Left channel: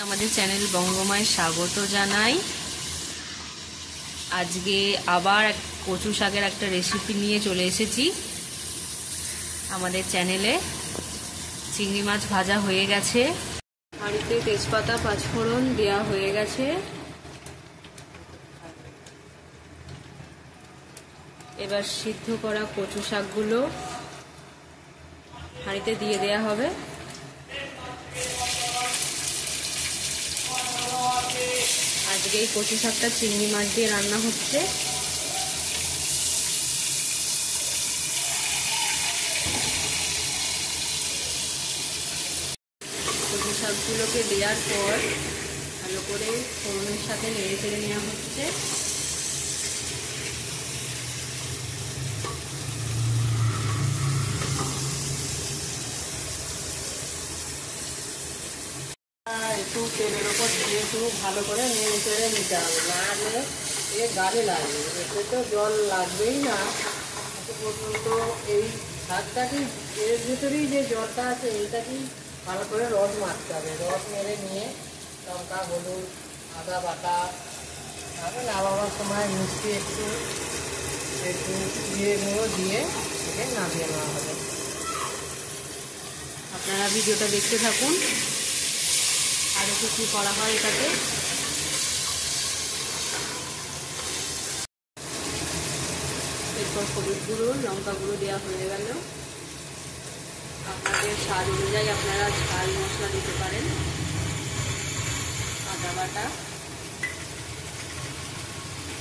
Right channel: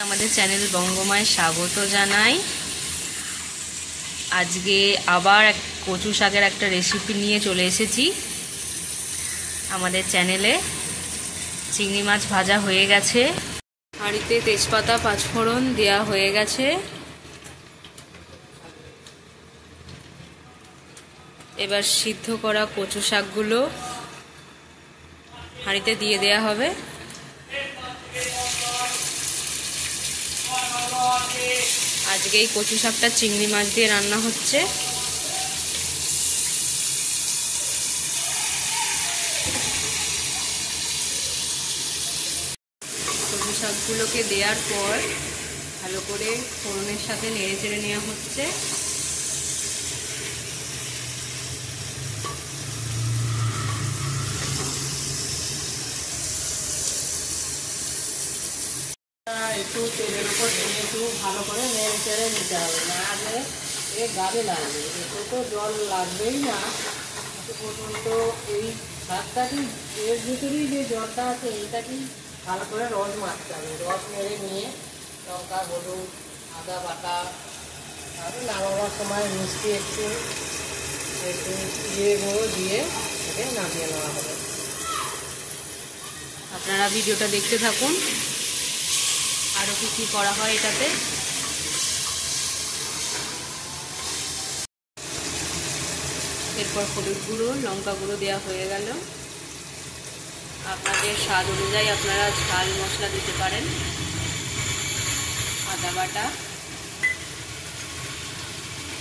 আমাদের চ্যানেল বঙ্গমায় স্বাগত জানাই। আজকে আবার কচু শাকের একটা রেসিপি নিয়ে চলে এসেছি। আমাদের চ্যানেলে চিংড়ি মাছ ভাজা হয়ে গেছে, হাঁড়িতে তেজপাতা পাঁচফোড়ন দেওয়া হয়ে গেছে। এবার সিদ্ধ করা কচু শাকগুলো হাঁড়িতে দিয়ে দেওয়া হবে। আজকে এই কচু শাকটা চিংড়ি মাছ দিয়ে রান্না হচ্ছে। কচু শাকগুলোকে দেওয়ার পর ভালো করে ফোড়নের সাথে নেড়ে চেড়ে নেওয়া হচ্ছে। একটু তেলের ওপর দিয়ে একটু ভালো করে নেড়ে চেড়ে নিতে হবে, না হলে এ গালে লাগবে। এতে তো জল লাগবেই না পর্যন্ত। এই শাকটাকে এর ভিতরেই যে জলটা আছে এইটাকেই ভালো করে রস মারতে হবে। রস মেরে নিয়ে লঙ্কা, হলুদ, আদা বাটা, তারপরে নামাবার সময় মিষ্টি একটু একটু জিরে গুঁড়ো দিয়ে এটাকে নামিয়ে নেওয়া হবে। আপনারা ভিডিওটা দেখতে থাকুন, আরও কি করা হয় এটাতে। এরপর হলুদ গুঁড়ো, লঙ্কা গুঁড়ো দেওয়া হয়ে গেল। আপনাদের স্বাদ অনুযায়ী আপনারা ঝাল মশলা দিতে পারেন। আদা বাটা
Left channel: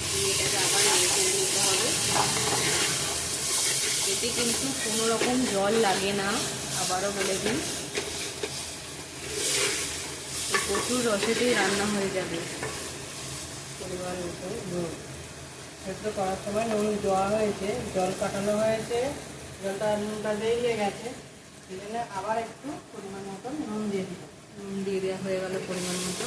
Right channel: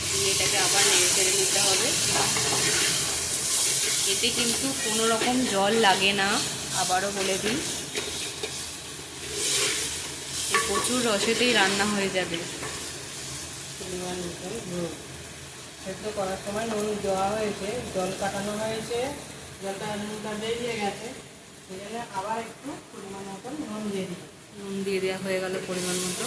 দিয়ে এটাকে আবার নেড়ে চেড়ে নিতে হবে। এতে কিন্তু কোনো রকম জল লাগে না, আবারও বলে দিই। এই প্রচুর রসেতেই রান্না হয়ে যাবে। পরিমাণ মতন নুন, সেদ্ধ করার সময় নুন দেওয়া হয়েছে, জল কাটানো হয়েছে, নুনটা বেরিয়ে গেছে, সেই জন্য আবার একটু পরিমাণ মতন নুন দিয়ে দিলাম। নুন দিয়ে দেওয়া হয়ে গেল পরিমাণ মতো।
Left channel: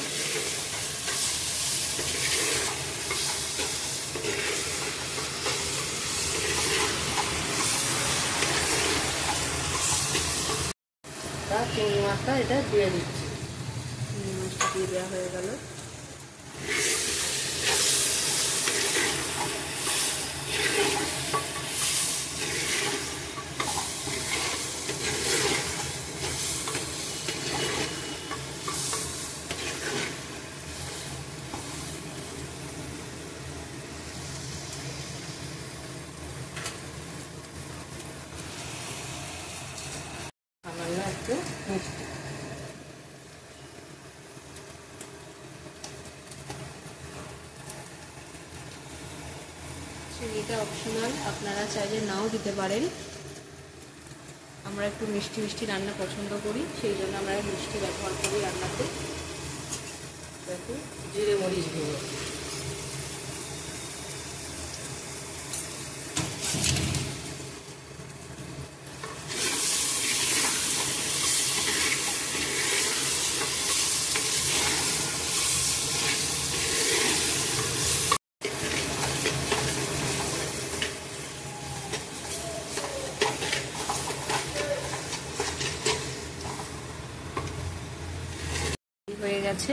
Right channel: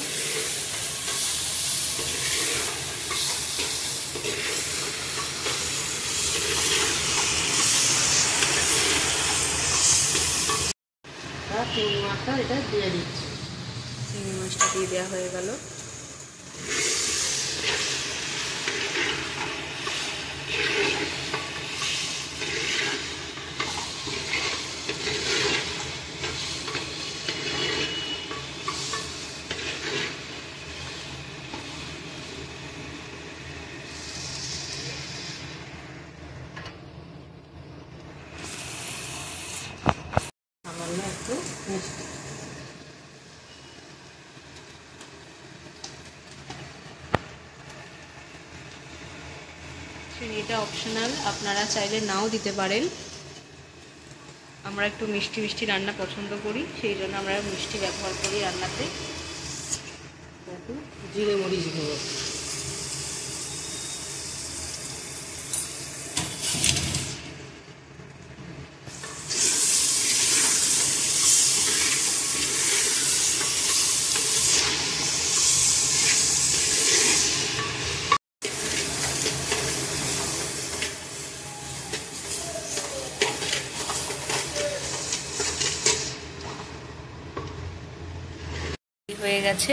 চিংড়ি মাছটা এটা দিয়ে দিচ্ছি। চিংড়ি মাছটা দিয়ে দেওয়া হয়ে গেল। সামান্য একটু মিষ্টি। চিনিটা অপশনাল, আপনারা চাইলে নাও দিতে পারেন। আমরা একটু মিষ্টি মিষ্টি রান্না পছন্দ করি, সেই জন্য আমরা মিষ্টি ব্যবহার করি রান্নাতে। একটু জিরে মরিচ গুঁড়ো, হয়ে গেছে।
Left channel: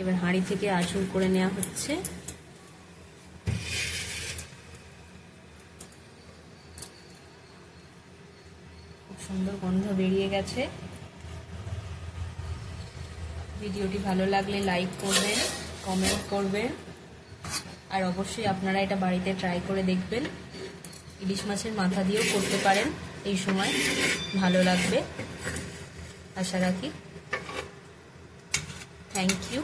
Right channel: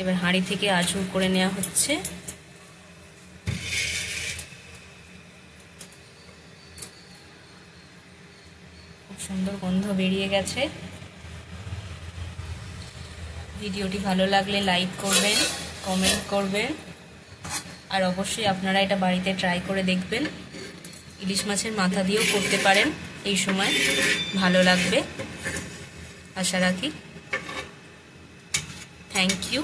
এবার হাঁড়ি থেকে আঁচুর করে নেওয়া হচ্ছে। খুব সুন্দর গন্ধ বেরিয়ে গেছে। ভিডিওটি ভালো লাগলে লাইক করবেন, কমেন্ট করবেন, আর অবশ্যই আপনারা এটা বাড়িতে ট্রাই করে দেখবেন। ইলিশ মাছের মাথা দিয়েও করতে পারেন, এই সময় ভালো লাগবে আশা রাখি। Thank you.